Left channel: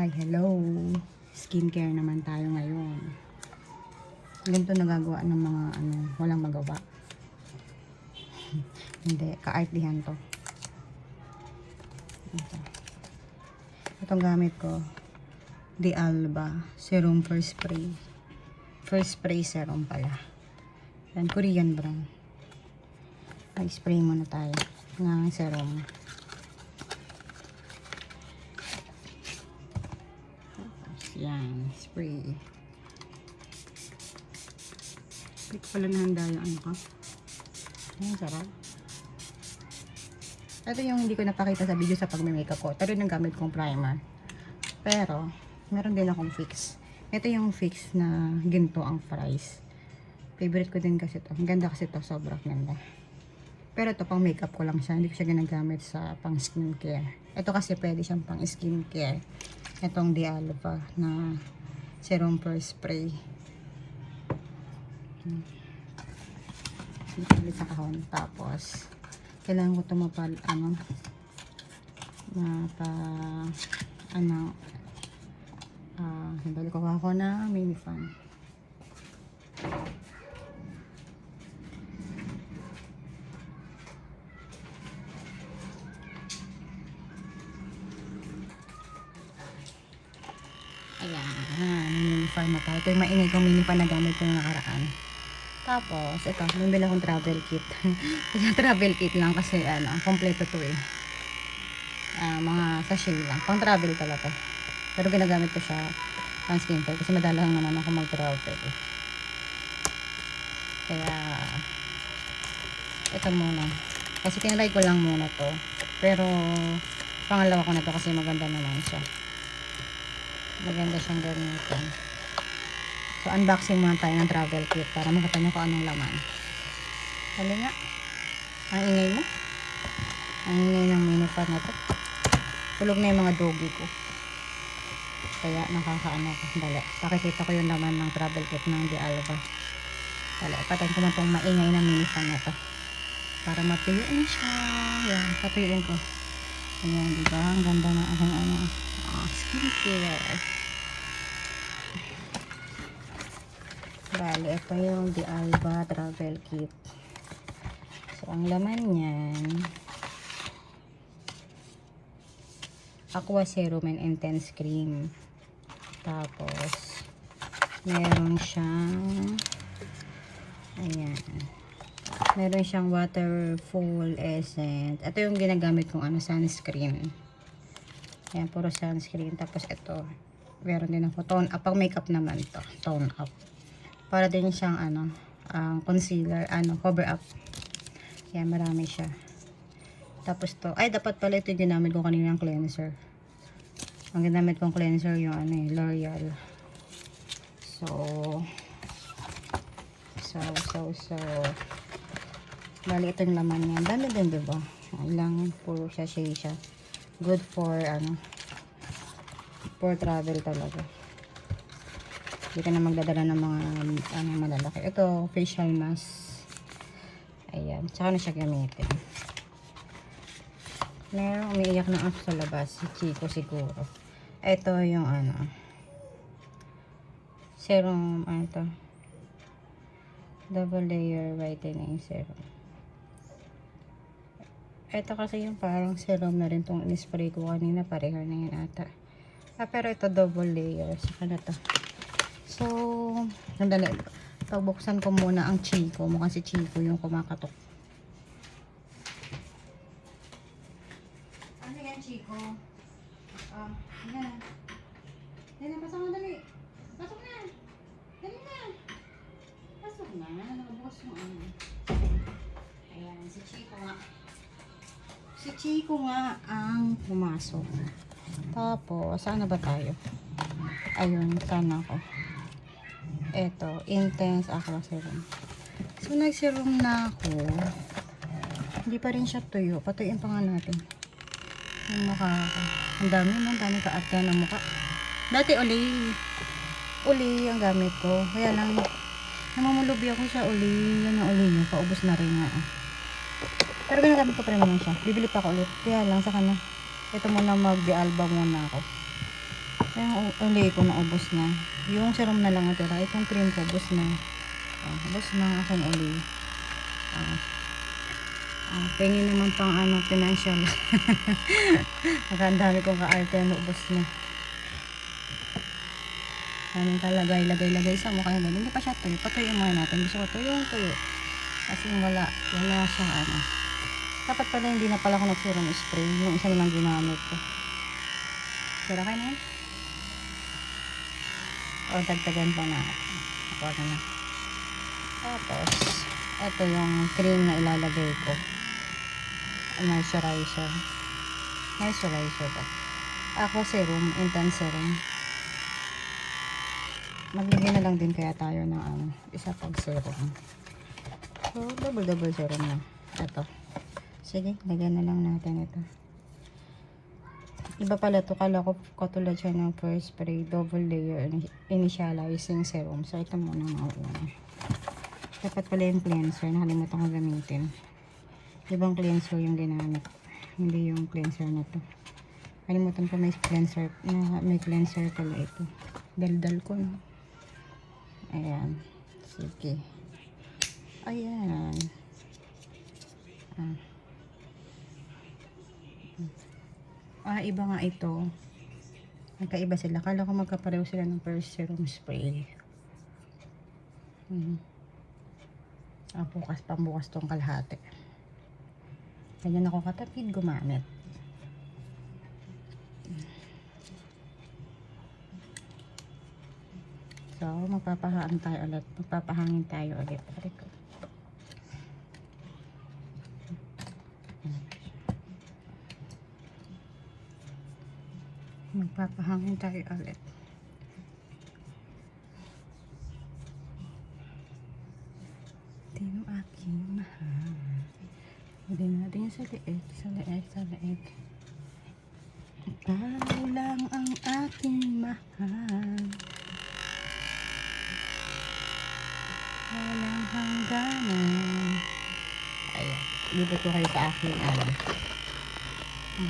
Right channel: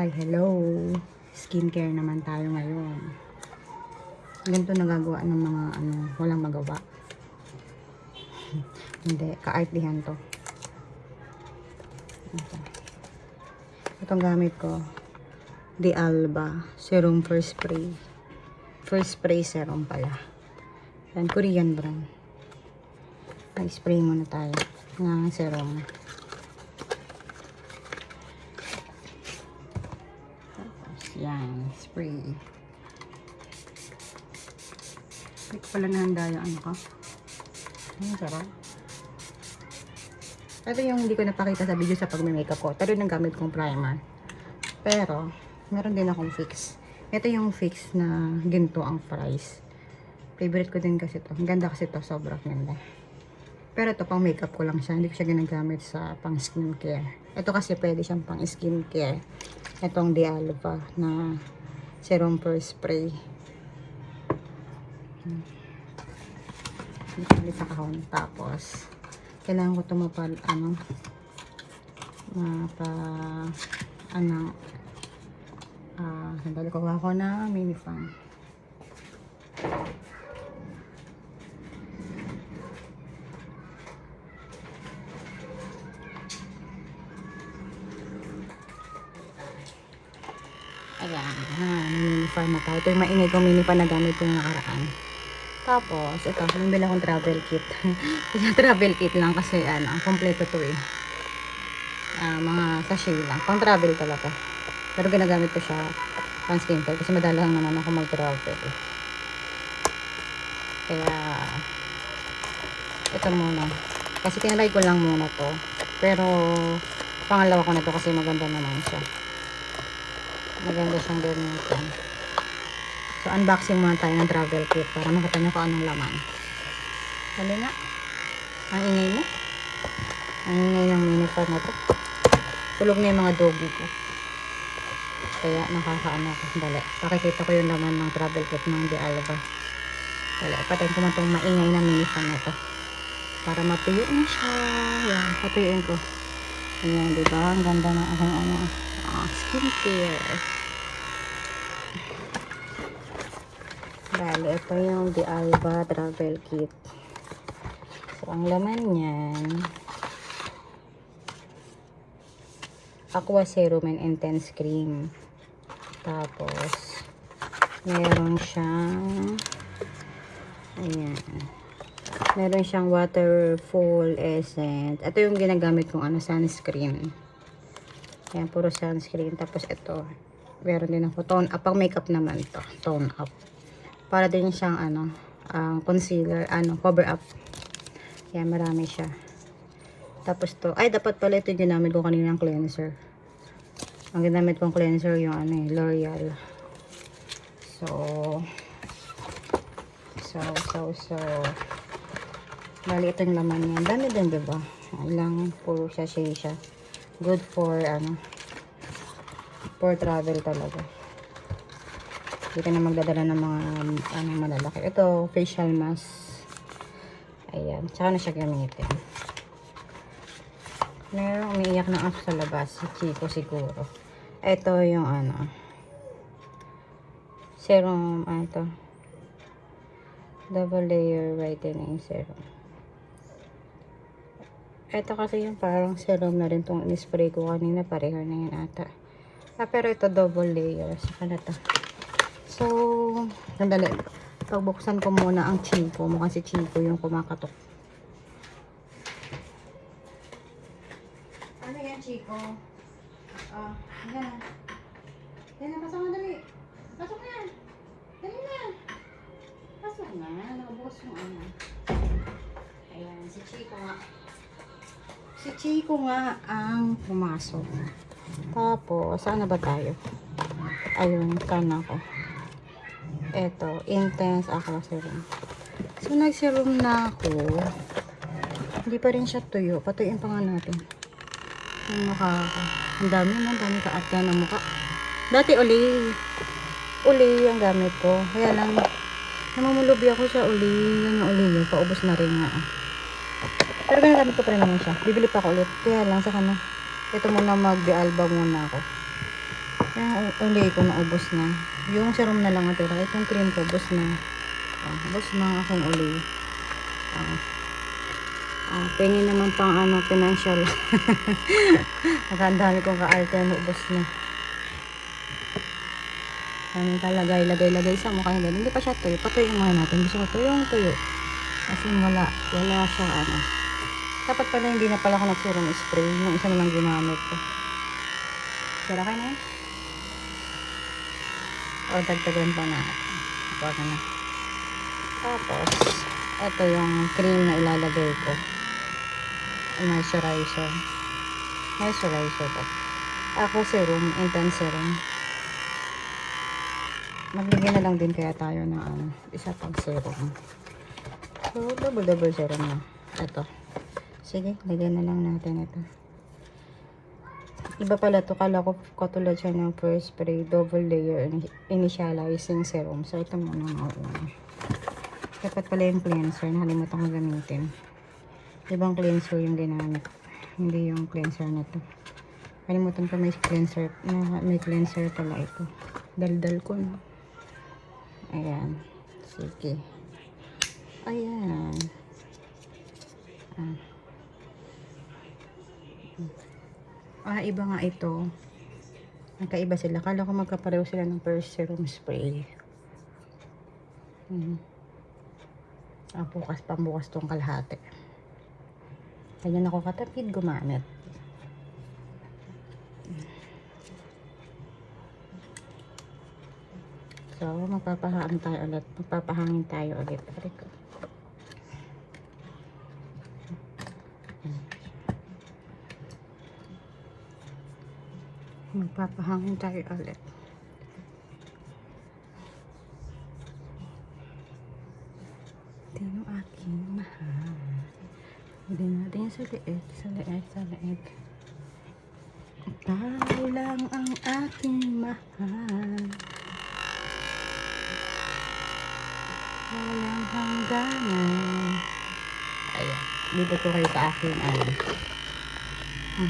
Hi, hello! Skincare naman tayo ngayon. Ganito nagagawa ng mga walang magawa. Hindi, ka-artihan to. Itong gamit ko, The Alba Serum First Spray. First Spray Serum pala. Yan, Korean brand. Ay, spray muna tayo ng serum. Yan, spray. Hindi ko pala nahanda yung ano ko. Ang sarap. Ito yung hindi ko napakita sa video sa pag-makeup ko. Ito rin ang gamit kong primer. Pero, meron din akong fix. Ito yung fix na ginto ang price. Favorite ko din kasi ito. Ang ganda kasi ito. Sobrang ganda. Pero ito pang makeup ko lang siya. Hindi ko siya ginagamit sa pang skincare. Ito kasi pwede siyang pang skincare. Itong The Alba na Serum First Spray. Ulit sa kahon. Tapos, kailangan ko tumapal, sandali ko ako na mini fan. Ayan, mini fan na tayo. Ito yung maingay kong mini fan na gamit ko yung nakaraan. Tapos, ito, nabili akong travel kit. Isang travel kit lang kasi, kompleto to eh. Mga sachet lang. Pang travel talaga. Pero ginagamit ko siya pang skincare kasi madalang naman ako mag-travel eh. Kaya, ito muna. Kasi kinalay ko lang muna to. Pero, pangalawa ko na to kasi maganda naman siya. Maganda siyang gamitin. So, unboxing muna tayo ng travel kit para makita nyo kung anong laman. Hali nga. Ang ingay mo. Ang ingay ng minipan na to. Tulog na yung mga doggy ko. Kaya nakakaano ko. Dali. Pakikita ko yung laman ng travel kit ng The Alba. Dali. Patayin ko na itong maingay na minipan na to. Para matuyo na siya. Yan. Patuyuin ko. Ayan. Diba? Ang ganda ng aking skincare. Bale, ito yung The Alba travel kit. So, ang laman niyan, Aqua Serum and Intense Cream. Tapos, meron siyang, ayan, meron siyang Waterful Essence. Ito yung ginagamit kong sunscreen. Ayan, puro sunscreen. Tapos, ito, meron din ako tone up. Pang makeup naman to, tone up. Para din siyang concealer, cover up. Yan, marami siya. Tapos to, ay dapat pala ito yung ginamit ko kanina ng cleanser. Ang ginamit kong cleanser yung L'Oreal. So, bali ito yung laman niya. Dami din, diba? Ilang puro sachet siya. Good for, for travel talaga. Hindi ka na magdadala ng mga malalaki. Ito, facial mask. Ayan. Tsaka na siya gamitin. Meron umiiyak na ako sa labas. Si Chico siguro. Ito yung serum, double layer whitening serum. Ito kasi yung parang serum na rin itong in-spray ko kanina. Pareho na yun ata. Pero ito double layer. Saka na ito. So, sandali. Pagbuksan ko muna ang Chico. Mukhang si Chico yung kumakatok. Ano yan, Chico? Yan. Yan na, pasok na dali. Pasok na. Dali na. Pasok na. Nakabukas yung Ayan, si Chico nga. Si Chico nga ang pumasok. Tapos, saan na ba tayo? Ayun, saan ako? Eto, Intense Aqua Serum. So, nag-serum na ako. Hindi pa rin siya tuyo. Patuyuin pa nga natin. Yung mukha ko. Ang dami kaat yan ang mukha. Dati uli ang gamit ko. Kaya lang, namamulubi ako sa uli. Yan yung uli yun. Paubos na rin nga. Pero ginagamit ko pa rin naman siya. Bibili pa ako ulit. Kaya lang, saka na. Ito muna mag-The Alba muna ako. Yung ulay ko naubos na. Yung serum na lang natira. Itong cream ko, ubos na. Ubos na ang aking ulay. Pengi naman pang financial. Nakandami kong ka-arte na ubos na. Anong lagay sa mukha yung ganun. Hindi pa siya tuyo. Patuyo muna natin. Gusto ko tuyo. Kasi wala siyang Dapat pala hindi na pala ako nag-serum spray. Yung isa naman ginamit ko. Sira kayo na yan? O dagdagan pa na. Ako na. Tapos, ito yung cream na ilalagay ko. Moisturizer. Ako serum, intense serum. Maglagay na lang din kaya tayo ng isa pang serum. So, double serum na. Ito. Sige, lagyan na lang natin ito. Iba pala to. Kala ko katulad siya ng first spray, double layer initializing serum. So, ito muna ang una. Dapat pala yung cleanser. Nakalimutan ko gamitin. Ibang cleanser yung ginamit. Hindi yung cleanser na to. Nakalimutan ko may cleanser. May cleanser pala ito. Daldal ko, no? Ayan. Sige. Ayan. Iba nga ito. Magkaiba sila. Kala ko magkapareho sila ng first serum spray. Pambukas tong kalahati. Kaya ako katapid gumamit. So, magpapahangin tayo ulit. Magpapahangin tayo ulit. Ito aking mahal. Hindi natin sa liit. Tayo lang ang aking mahal. Walang hangganan. Ayan. Dito ko kayo sa aking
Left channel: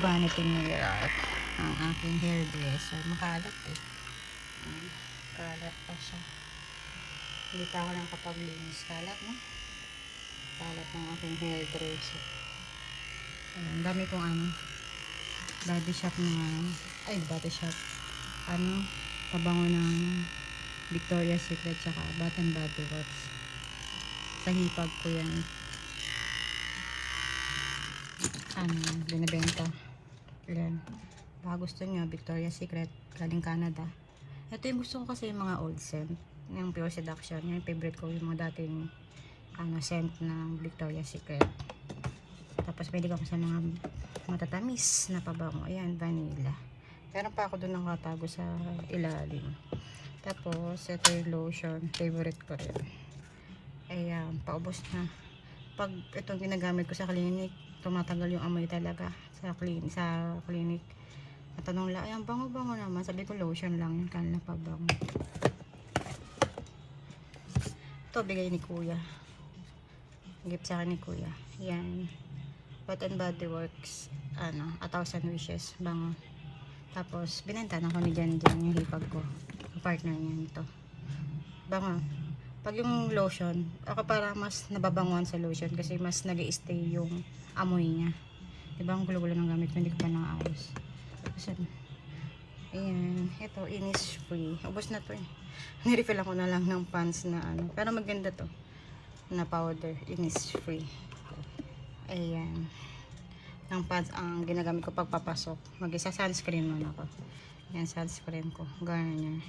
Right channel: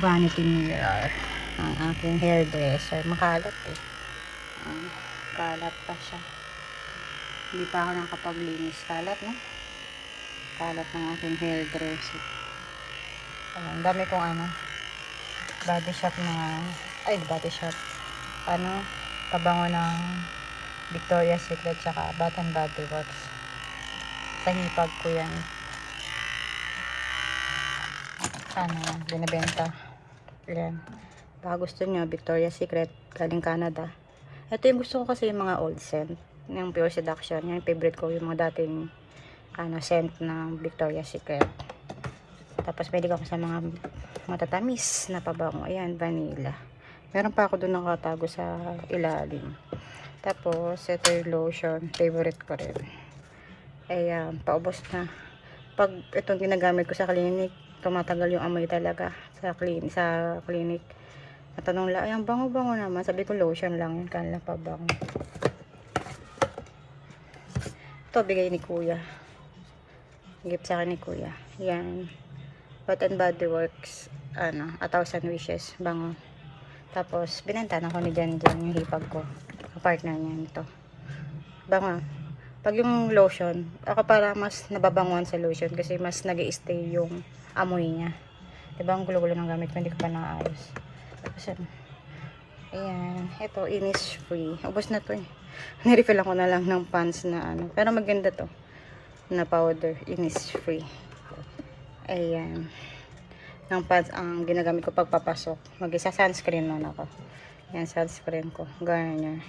vanity mirror. Ang aking hairdresser. Makalat eh. Kalat pa siya. Hindi pa ako nakapaglinis. Kalat, no? Kalat ng aking hairdresser. Ang dami kong body shop pabango ng Victoria's Secret tsaka Bath and Body Works. Sa hipag ko yan. Binibenta. Yan. Baka gusto nyo, Victoria's Secret, galing Canada. Ito yung gusto ko kasi yung mga old scent. Yung Pure Seduction. Yung favorite ko, yung mga dating scent ng Victoria's Secret. Tapos pwede ko sa mga matatamis na pabango. Ayan, vanilla. Meron pa ako doon nakatago sa ilalim. Tapos, ito yung lotion. Favorite ko rin. Ayan, paubos na. Pag itong ginagamit ko sa clinic, tumatagal yung amoy talaga sa clinic. Natanong lang, ang bango-bango naman. Sabi ko lotion lang yun, kanila pa bango. Ito bigay ni kuya. Gift sa akin ni kuya. Yan. Bath and Body Works. 1,000 wishes. Bango. Tapos binenta na ko ni Jan yung hipag ko. Partner niya nito. Bango. Pag yung lotion, ako para mas nababanguan sa lotion kasi mas nag-i-stay yung amoy niya. Diba ang gulo-gulo ng gamit ko, hindi ko pa naayos. Tapos ayan, ito Innisfree. Ubos na to eh. Nirefill ako na lang ng pants na pero maganda to na powder. Innisfree. Ayan. Ng pants ang ginagamit ko pagpapasok. Mag-isa sunscreen man ako. Yan, sunscreen ko. Ganyan.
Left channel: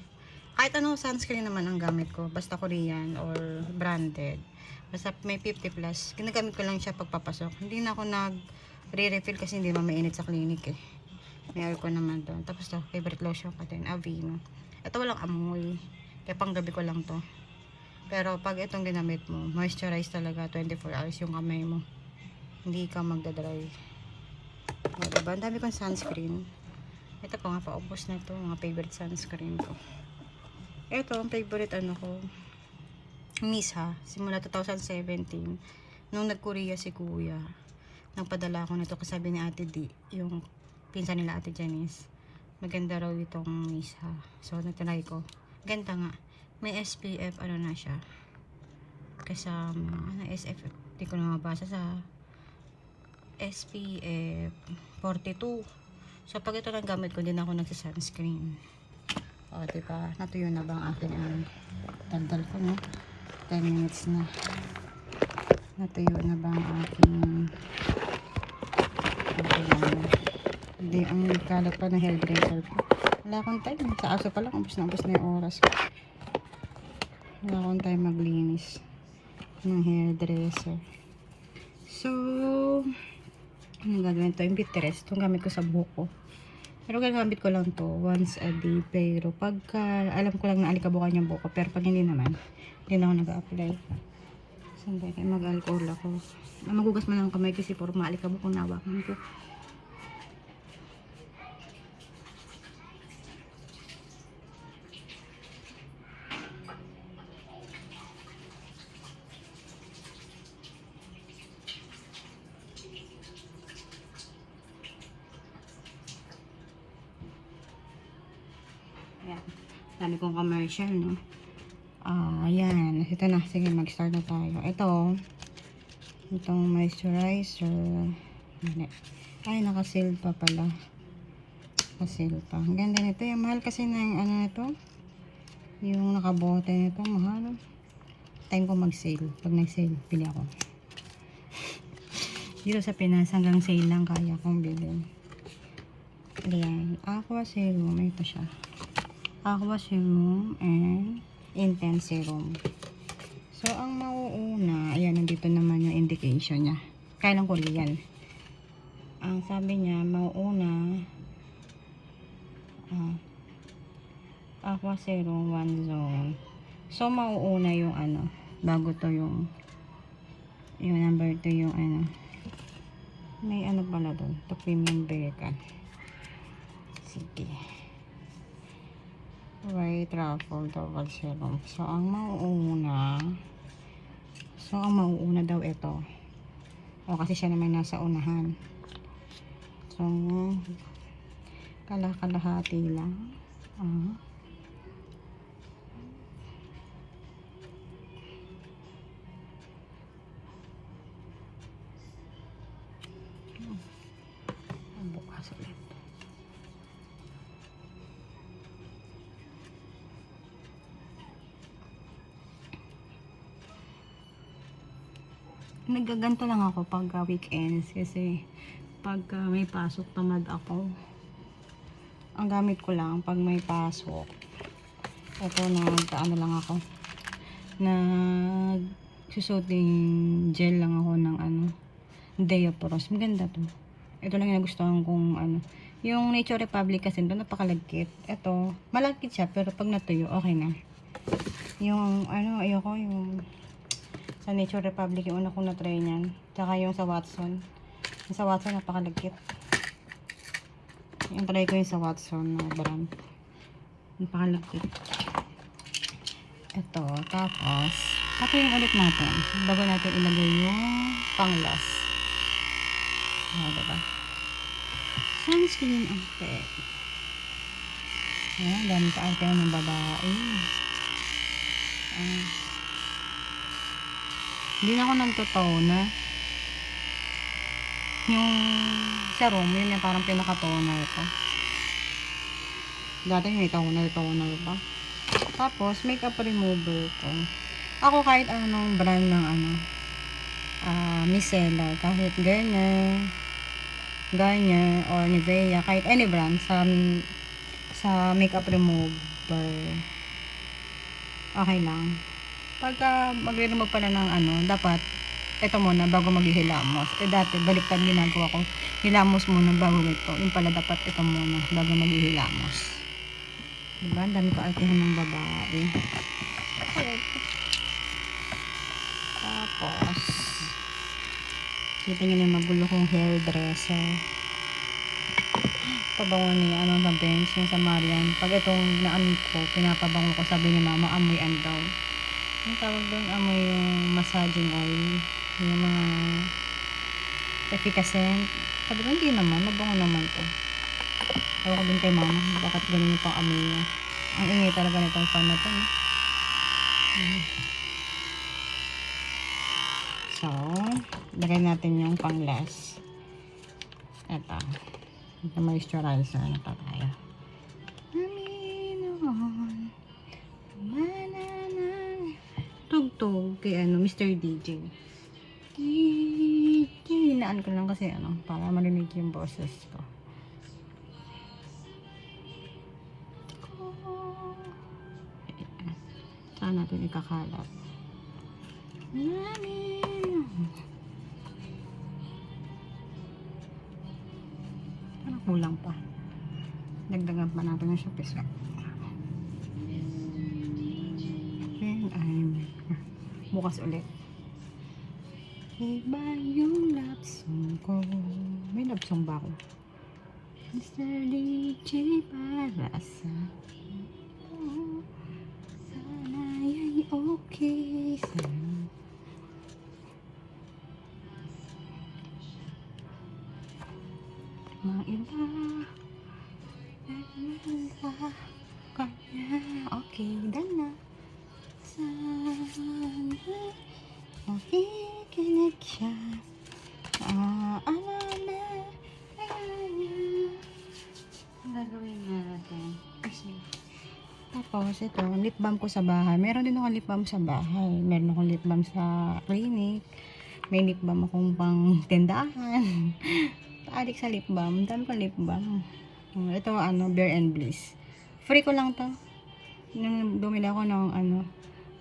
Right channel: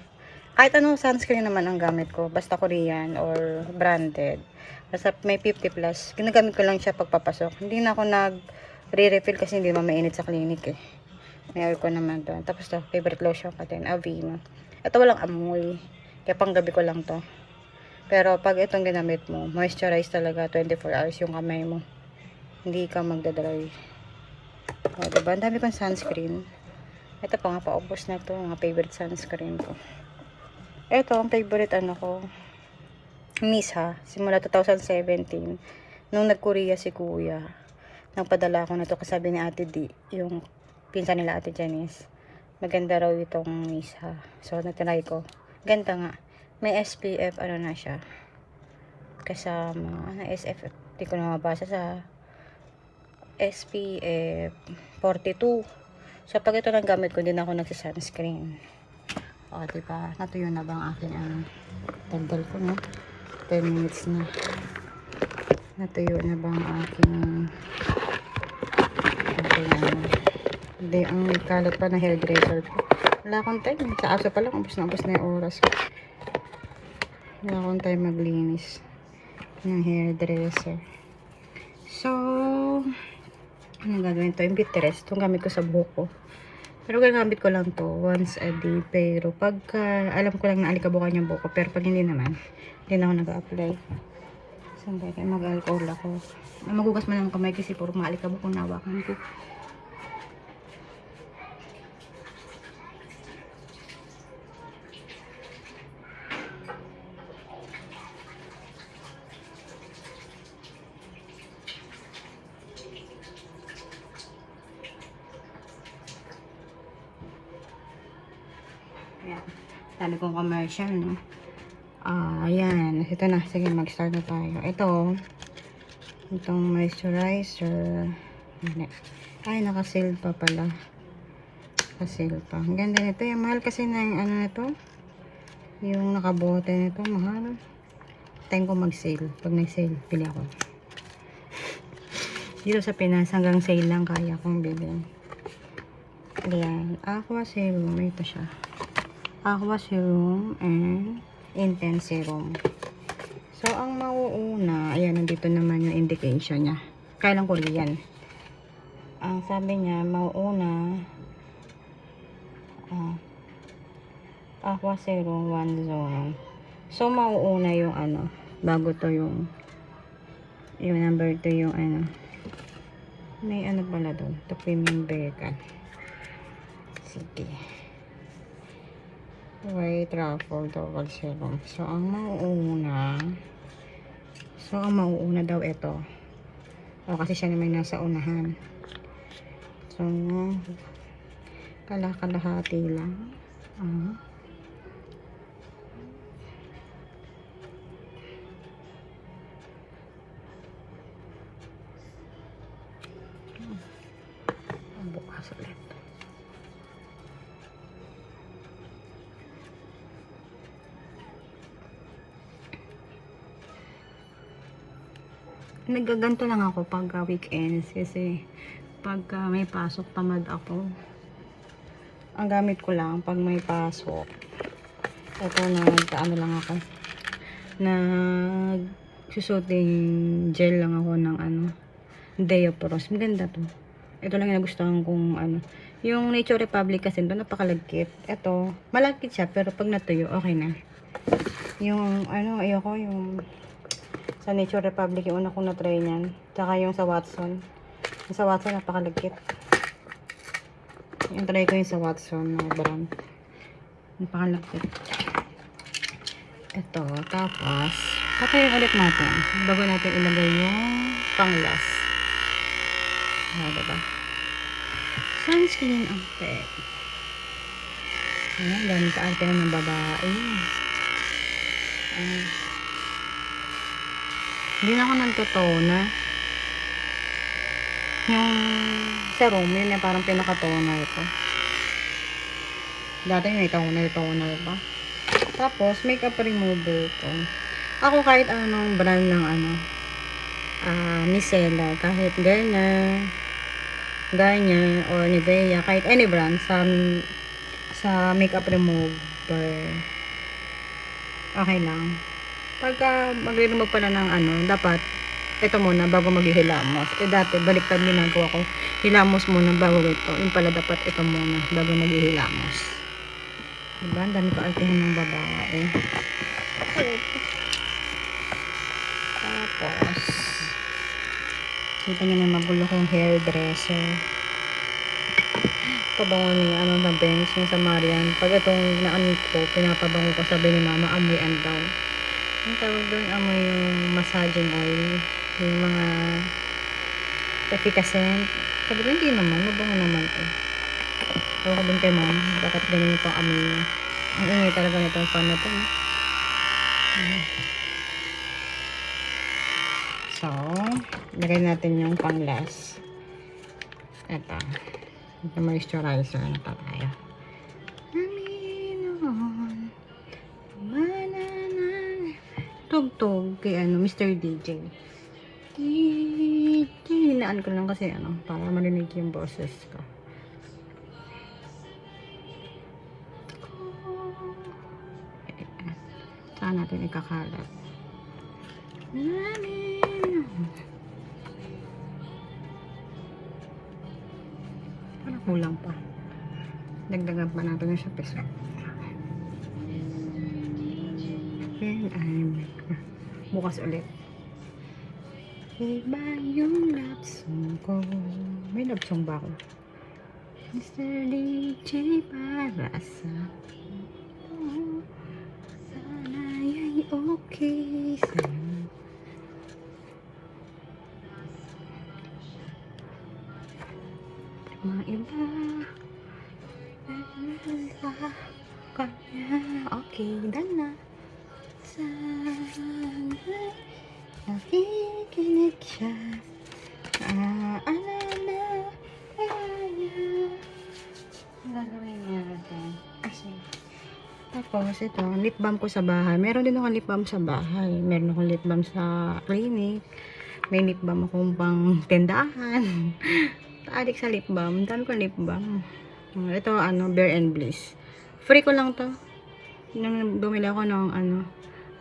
Kahit anong sunscreen naman ang gamit ko. Basta Korean or branded. Basta may 50 plus. Ginagamit ko lang siya pagpapasok. Hindi na ako nag-re-refill kasi hindi naman mainit sa clinic eh. May aircon naman doon. Tapos to, favorite lotion ko din. Aveeno. Ito walang amoy. Kaya pang gabi ko lang to. Pero pag itong ginamit mo, moisturize talaga 24 hours yung kamay mo. Hindi ka magdadry. O, diba? Ang dami kong sunscreen. Ito pa nga, paubos na to. Mga favorite sunscreen ko. Ito, ang favorite ko. Miss ha. Simula 2017. Nung nag-Korea si kuya. Nagpadala ako na to kasabi ni Ate D. Yung pinsan nila Ate Janice. Maganda raw itong isa. So, natry ko. Ganda nga. May SPF, ano na siya. Kasama, SFF. Hindi ko na mabasa sa SPF 42. So, pag ito lang gamit ko, din ako nagsa-sunscreen. O, diba? Natuyo na ba ang aking ano? Tandal ko, no? 10 minutes na. Natuyo na ba ang aking ano? Hindi, ang kalat pa na hairdresser ko. Wala akong time. Sa aso pa lang, ubos na yung oras ko. Wala akong time maglinis ng hairdresser. So, ano gagawin to? Yung bitters. Itong gamit ko sa buhok ko. Pero gagamit ko lang to once a day. Pero pagka alam ko lang na alikabukan yung buhok ko. Pero pag hindi naman, hindi na ako nag-a-apply. Saan tayo mag-alcohol ako. Magugas mo lang ang kamay kasi puro mga alikabok ang nawakan ko. Ayan. Tali kong commercial, no? Ayan. Ito na. Sige, mag-start na tayo. Itong moisturizer. Ay, naka-sale pa pala. Naka-sale pa. Ang ganda nito. Yung mahal kasi na yung ano na to. Yung nakabote nito. Mahal. Time ko mag-sale. Pag nag-sale, pili ako. Dito sa Pinas, hanggang sale lang kaya kong bilhin. Ayan. Aqua Serum. Ito siya. Aqua Serum and Intense Serum. So, ang mauuna, ayan, nandito naman yung indication niya. Kailang Korean. Ang sabi niya, mauuna, Aqua Serum 1 zone. So, mauuna yung ano, bago to yung number 2 yung ano, may ano pala doon, to premium Berkan. Sige. White Truffle Double Serum. So, ang mauuna daw ito. Kasi siya naman nasa unahan. So, kalahati lang. Bukas ulit. Nagaganto lang ako pag weekends kasi pag may pasok tamad ako. Ang gamit ko lang pag may pasok. Ito ano lang ako. Nagsusuting gel lang ako ng ano, Deoporos. Maganda to. Ito lang yung nagustuhan kong ano. Yung Nature Republic kasi ito napakalagkit. Ito, malagkit siya pero pag natuyo, okay na. Yung ano, ayoko yung sa Nature Republic yung una kong na-try niyan. Tsaka yung sa Watson. Yung sa Watson napakalagkit. Yung try ko yung sa Watson na brand. Napakalagkit. Ito. Tapos, patayin ulit natin. Bago natin ilagay yung pang-last. Diba? Sunscreen outfit. Ganito arte ng babae. Hindi na ako nagtotoner. Yung serum, yun yung parang pinaka-toner ko. Dati may toner pa. Tapos, makeup remover ko. Ako kahit anong brand ng ano, micellar, kahit Garnier or Nivea, kahit any brand sa makeup remover, okay lang. Pagka mag-remove pala ng ano, dapat ito muna bago maghihilamos. Dati baliktad ginagawa ko, hilamos muna bago ito. Yung pala dapat ito muna bago maghihilamos. Diba? Ang dami ko artihan ng babae. Tapos kita nyo na magulo kong hairdresser. Pabango niya, ano na bench niya sa Marian. Pag itong naamit ko, pinapabango ko, sabi ni mama, amoy andaw. Ang tawag doon, amoy yung massaging oil. Yung mga efficacent. Sabi ko, hindi naman, mabango naman to. Ewan ko din kay mom, bakit ganyan yung pang-amoy niya. Ang ingay talaga nitong fan na to. So, lagay natin yung pang-last. Ito. Moisturizer na to tayo. Tugtog kay Mr. DJ. Hinaan ko lang kasi para marinig yung boses ko. Saan natin ikakalat? Parang kulang pa. Dagdagan pa natin yung sa piso. And I'm bukas ulit. Iba yung love song ko. May love song ba ako? Mr. DJ para sa sana ya'y okay sa'yo. Maiba kanya. Okay, done na. Sana nakikinig siya. Alala kanya. Gagawin natin. Tapos ito, lip balm ko sa bahay. Meron din akong lip balm sa bahay. Meron akong lip balm sa clinic. May lip balm akong pang tindahan. Adik sa lip balm. Dami ko lip balm. Ito, Bare and Bliss. Free ko lang to. Nung bumili ako ng ano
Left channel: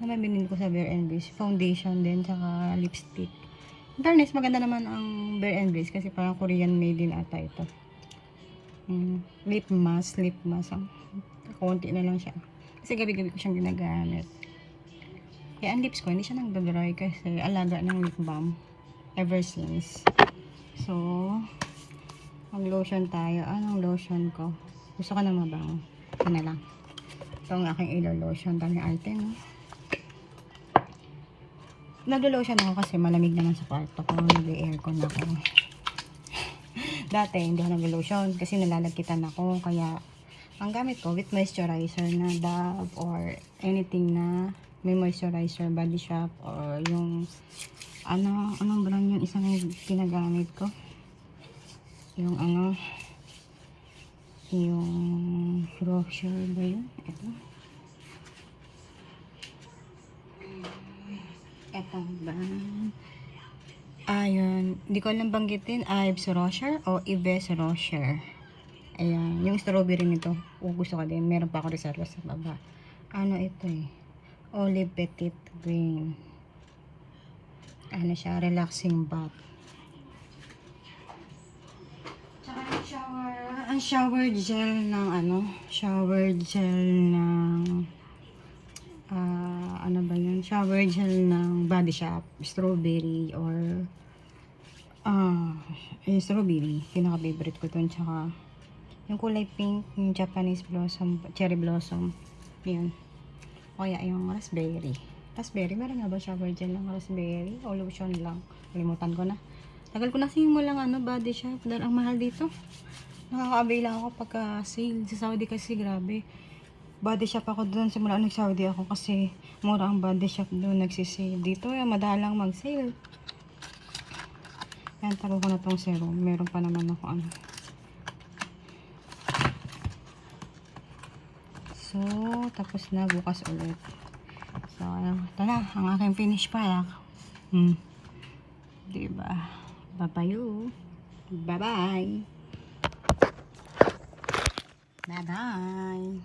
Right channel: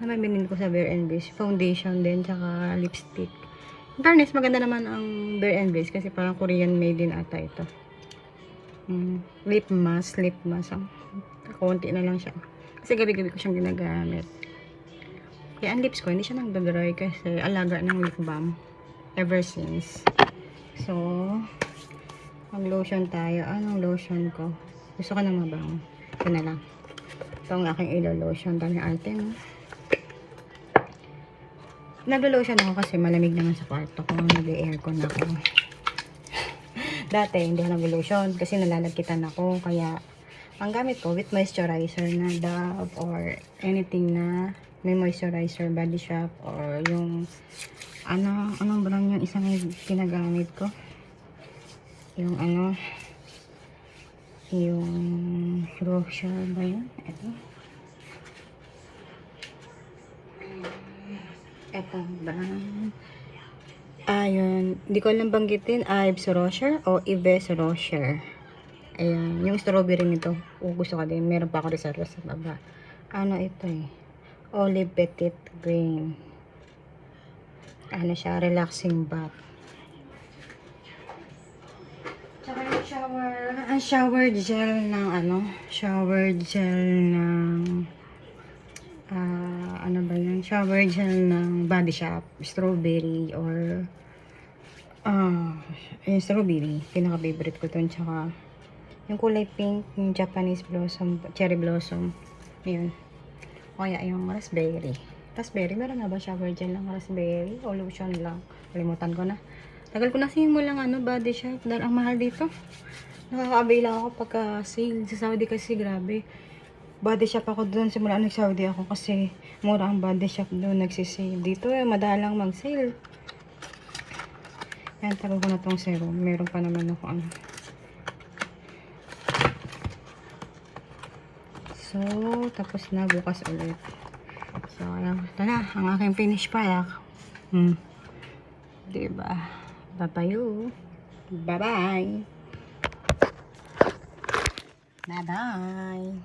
may binili ko sa Bare and Bliss. Foundation din, tsaka lipstick. In fairness, maganda naman ang Bare and Bliss kasi parang Korean made din ata ito. Lip mask. Konti na lang siya. Kasi gabi-gabi ko siyang ginagamit. Kaya ang lips ko, hindi siya nagdadry kasi alaga ng lip balm. Ever since. So, mag-lotion tayo. Anong lotion ko? Gusto ko na mabango. Ito na lang. Ito ang aking ilo-lotion. Dami ating. Naglo-lotion ako kasi malamig naman sa kwarto ko. Nag-aircon ako. Dati, hindi ako nag-lotion kasi nalalagkitan ako. Kaya, ang gamit ko with moisturizer na Dove or anything na may moisturizer, Body Shop or yung anong brand yung isang ginagamit ko. Yung yung brochure ba yun? Ito brand. Ayun, hindi ko alam banggitin, Yves Rocher o Yves Rocher. Ayan, yung strawberry nito, gusto ko din. Meron pa ako reserva sa baba. Ito Olive Petit Green. Siya, relaxing bath. Tsaka yung shower gel ng shower gel ng ba yun? Shower gel ng Body Shop. Strawberry or strawberry. Pinaka-favorite ko to. Tsaka yung kulay pink, yung Japanese blossom, cherry blossom. Yun. O kaya yung raspberry. Raspberry, meron na ba shower gel ng raspberry? O lotion lang? Kalimutan ko na. Tagal ko na simulang Body Shop. Dahil ang mahal dito. Nakaka-avail lang ako pagka sale. Sa Saudi kasi grabe. Body Shop ako doon. Simula nag-Saudi ako kasi mura ang Body Shop doon. Nagsisale. Dito madalang mag-sale. Yan, tarong ko na tong serum. Meron pa naman ako So, tapos na bukas ulit. So, ayan. Ito na, ang aking finish product. Diba? Papayo. Bye-bye. Bye-bye.